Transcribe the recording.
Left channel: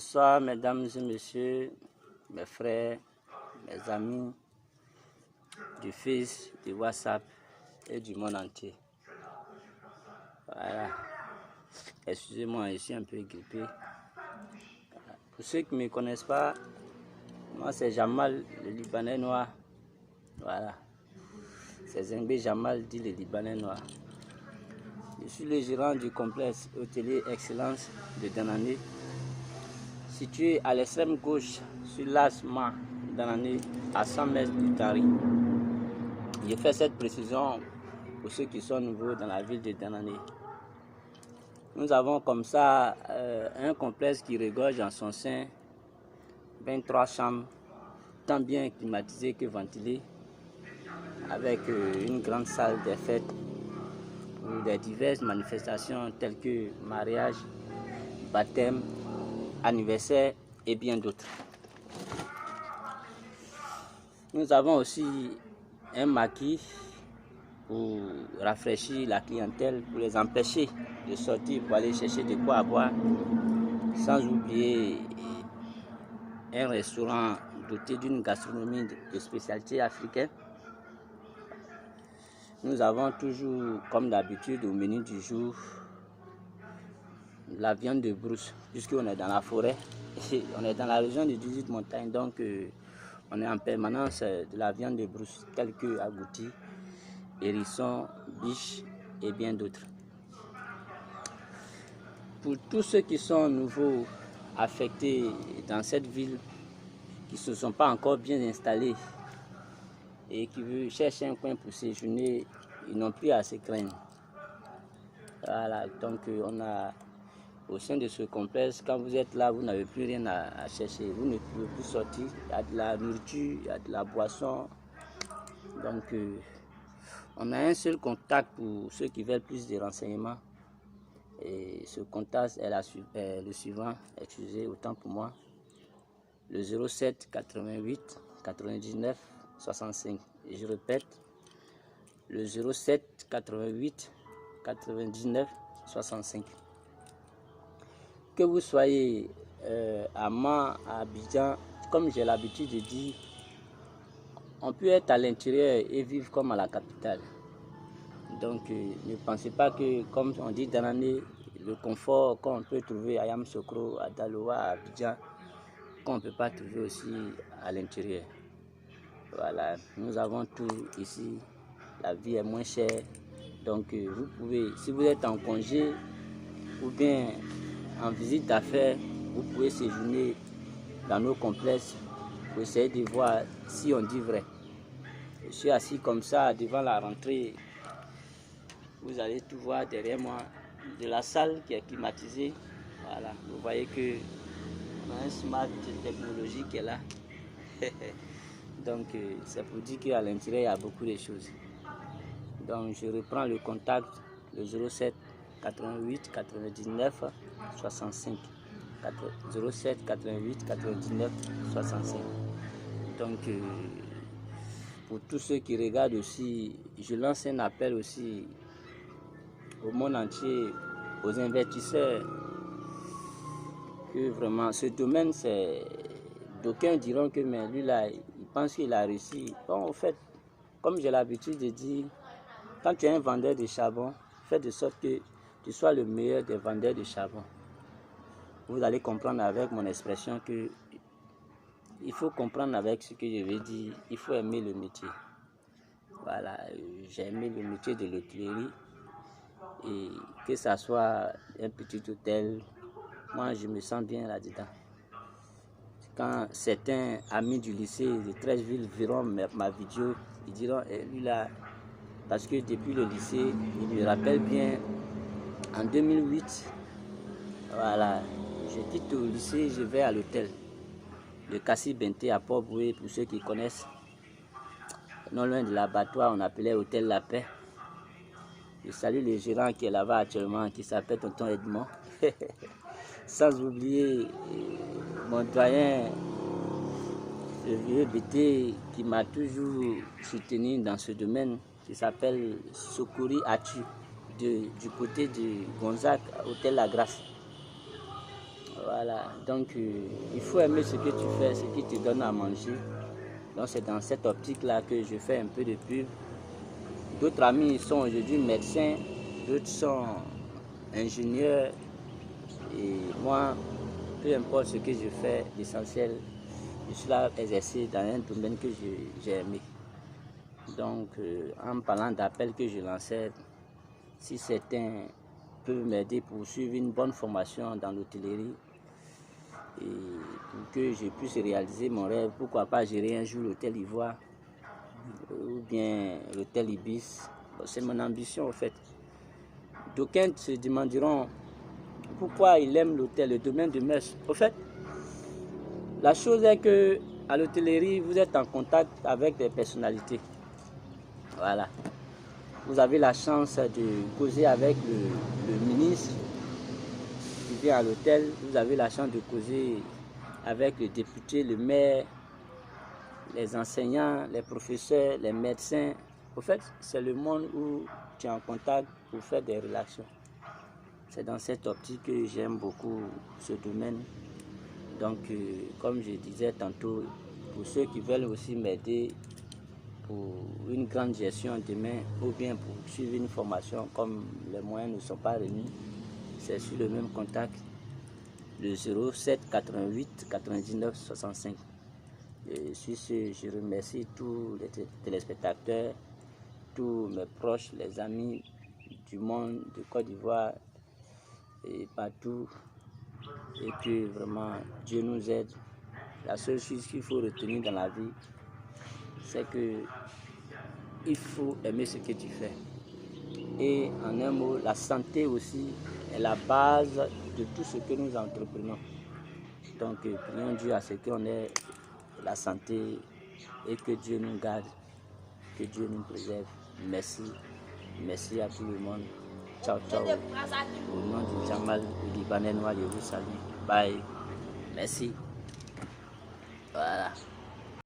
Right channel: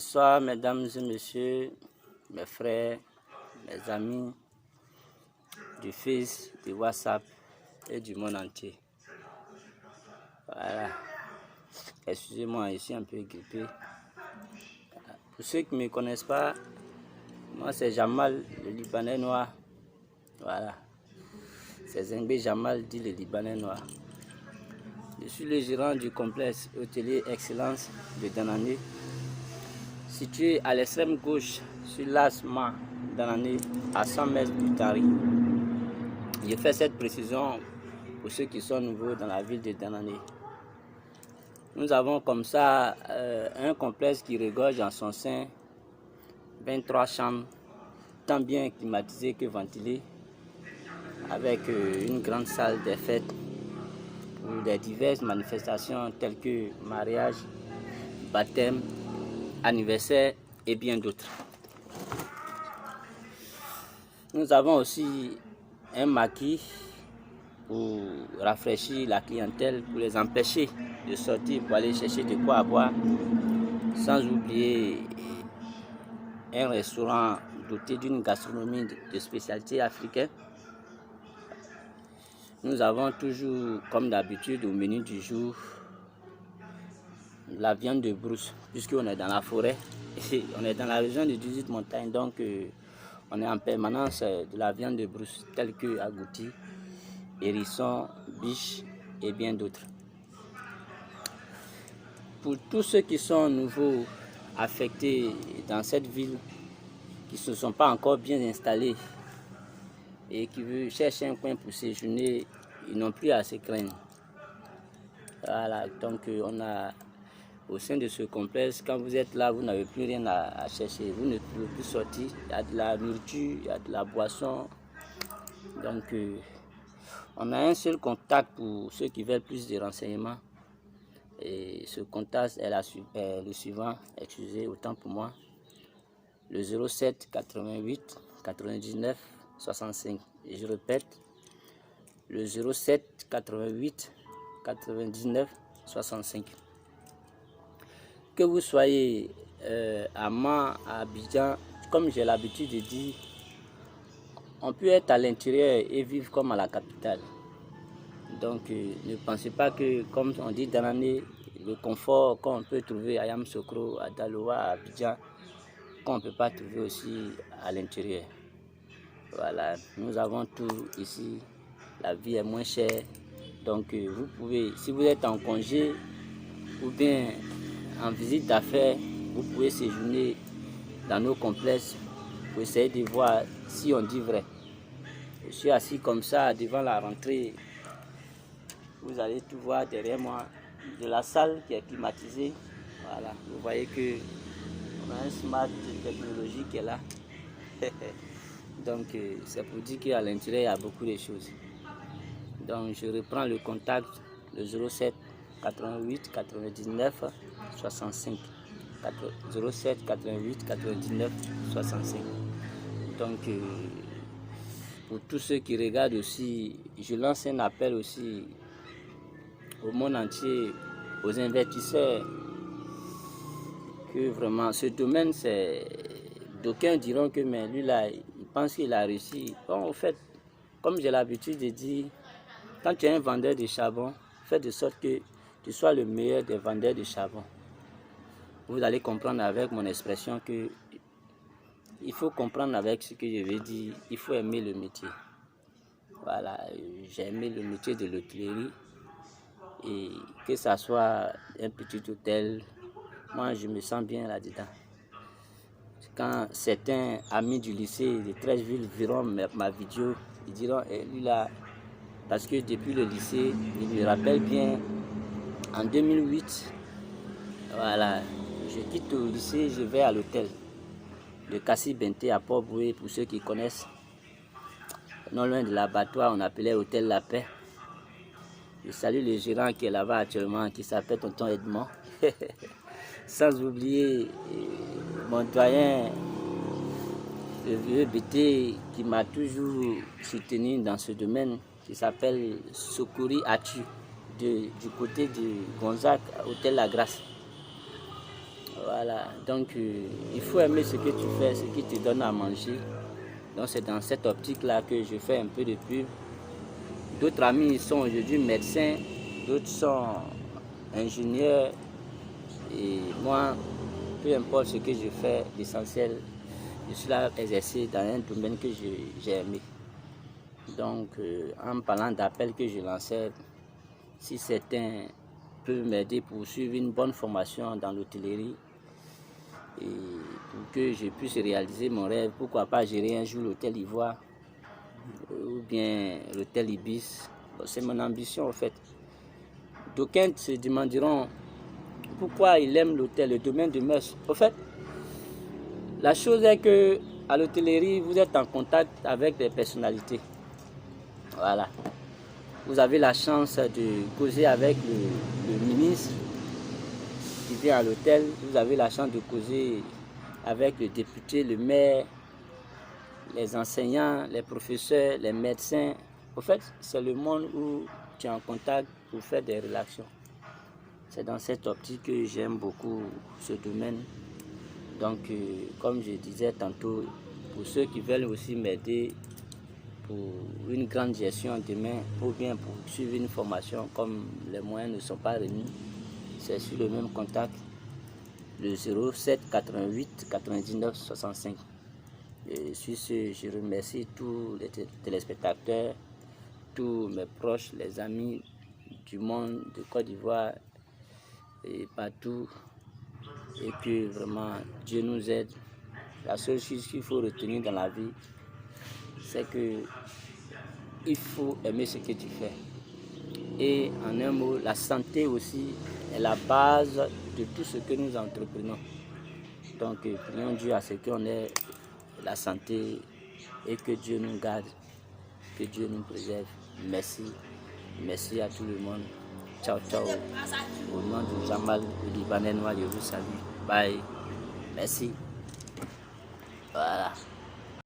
Bonsoir mesdames et messieurs, mes frères, mes amis du Face, du WhatsApp et du monde entier. Voilà. Excusez-moi, je suis un peu grippé. Pour ceux qui ne me connaissent pas, moi c'est Jamal, le Libanais noir. Voilà. C'est Zengbe Jamal, dit le Libanais noir. Je suis le gérant du complexe hôtelier Excellence de Danane, situé à l'extrême gauche sur l'Asma Danane, à 100 mètres du Tari. Je fais cette précision pour ceux qui sont nouveaux dans la ville de Danane. Nous avons comme ça un complexe qui regorge en son sein 23 chambres, tant bien climatisées que ventilées, avec une grande salle des fêtes pour des diverses manifestations telles que mariage, baptême, anniversaire et bien d'autres. Nous avons aussi un maquis pour rafraîchir la clientèle, pour les empêcher de sortir pour aller chercher de quoi à boire, sans oublier un restaurant doté d'une gastronomie de spécialité africaine. Nous avons toujours, comme d'habitude, au menu du jour, la viande de brousse, puisqu'on est dans la forêt, et on est dans la région de 18 montagnes, donc on est en permanence de la viande de brousse, telle que agouti, hérisson, biche et bien d'autres. Pour tous ceux qui sont nouveaux affectés dans cette ville, qui ne sont pas encore bien installés et qui veulent chercher un coin pour séjourner, ils n'ont plus à se craindre. Voilà, donc on a au sein de ce complexe, quand vous êtes là, vous n'avez plus rien à chercher, vous ne pouvez plus sortir, il y a de la nourriture, il y a de la boisson. Donc on a un seul contact pour ceux qui veulent plus de renseignements. Et ce contact est le suivant, excusez autant pour moi, le 07 88 99 65. Et je répète, le 07 88 99 65. Que vous soyez à Mans, à Abidjan, comme j'ai l'habitude de dire, on peut être à l'intérieur et vivre comme à la capitale. Donc ne pensez pas que, comme on dit dans l'année, le confort qu'on peut trouver à Yamoussoukro, à Daloa, à Abidjan, qu'on ne peut pas trouver aussi à l'intérieur. Voilà, nous avons tout ici, la vie est moins chère. Donc vous pouvez, si vous êtes en congé ou bien en visite d'affaires, vous pouvez séjourner dans nos complexes pour essayer de voir si on dit vrai. Je suis assis comme ça devant la rentrée. Vous allez tout voir derrière moi, de la salle qui est climatisée. Voilà, vous voyez que on a un smart technologie qui est là. Donc c'est pour dire qu'à l'intérieur il y a beaucoup de choses. Donc je reprends le contact, le 07 88 99 65. 07 88 99 65. Donc pour tous ceux qui regardent aussi, je lance un appel aussi au monde entier, aux investisseurs, que vraiment ce domaine, c'est, d'aucuns diront que mais lui là, il pense qu'il a réussi. Bon, au fait, comme j'ai l'habitude de dire, quand tu es un vendeur de charbon, fais de sorte que tu sois le meilleur des vendeurs de charbon. Vous allez comprendre avec mon expression que il faut comprendre avec ce que je veux dire, il faut aimer le métier. Voilà, j'ai aimé le métier de l'hôtellerie. Et que ça soit un petit hôtel, moi je me sens bien là-dedans. Quand certains amis du lycée de Treichville verront ma vidéo, ils diront lui là, parce que depuis le lycée, il me rappelle bien, en 2008, voilà, je quitte le lycée, je vais à l'hôtel, le Kassi Benté à Port-Boué, pour ceux qui connaissent. Non loin de l'abattoir, on appelait Hôtel La Paix. Je salue le gérant qui est là-bas actuellement, qui s'appelle Tonton Edmond. Sans oublier mon doyen, le vieux BT, qui m'a toujours soutenu dans ce domaine, qui s'appelle Sokouri Atu, du côté de Gonzague, Hôtel La Grâce. Voilà, donc il faut aimer ce que tu fais, ce qui te donne à manger. Donc c'est dans cette optique-là que je fais un peu de pub. D'autres amis sont aujourd'hui médecins, d'autres sont ingénieurs. Et moi, peu importe ce que je fais, l'essentiel, je suis là exercer dans un domaine que j'ai aimé. Donc, en parlant d'appels que je lançais, si certains peuvent m'aider pour suivre une bonne formation dans l'hôtellerie et pour que je puisse réaliser mon rêve, pourquoi pas gérer un jour l'hôtel Ivoire ou bien l'hôtel Ibis. C'est mon ambition en fait. D'aucuns se demanderont pourquoi il aime l'hôtel, le domaine de Metz. En fait, la chose est que à l'hôtellerie, vous êtes en contact avec des personnalités. Voilà. Vous avez la chance de causer avec le ministre qui vient à l'hôtel. Vous avez la chance de causer avec le député, le maire, les enseignants, les professeurs, les médecins. En fait, c'est le monde où tu es en contact pour faire des relations. C'est dans cette optique que j'aime beaucoup ce domaine. Donc, comme je disais tantôt, pour ceux qui veulent aussi m'aider pour une grande gestion demain, ou bien pour suivre une formation comme les moyens ne sont pas remis, c'est sur le même contact, le 07 88 99 65. Et sur ce, je remercie tous les téléspectateurs, tous mes proches, les amis du monde de Côte d'Ivoire et partout, et que vraiment Dieu nous aide. La seule chose qu'il faut retenir dans la vie, c'est que il faut aimer ce que tu fais. Et en un mot, la santé aussi est la base de tout ce que nous entreprenons. Donc, prions Dieu à ce qu'on ait la santé et que Dieu nous garde, que Dieu nous préserve. Merci. Merci à tout le monde. Ciao, ciao. Au nom de Jamal, le Libanais noir, je vous salue. Bye. Merci. Voilà.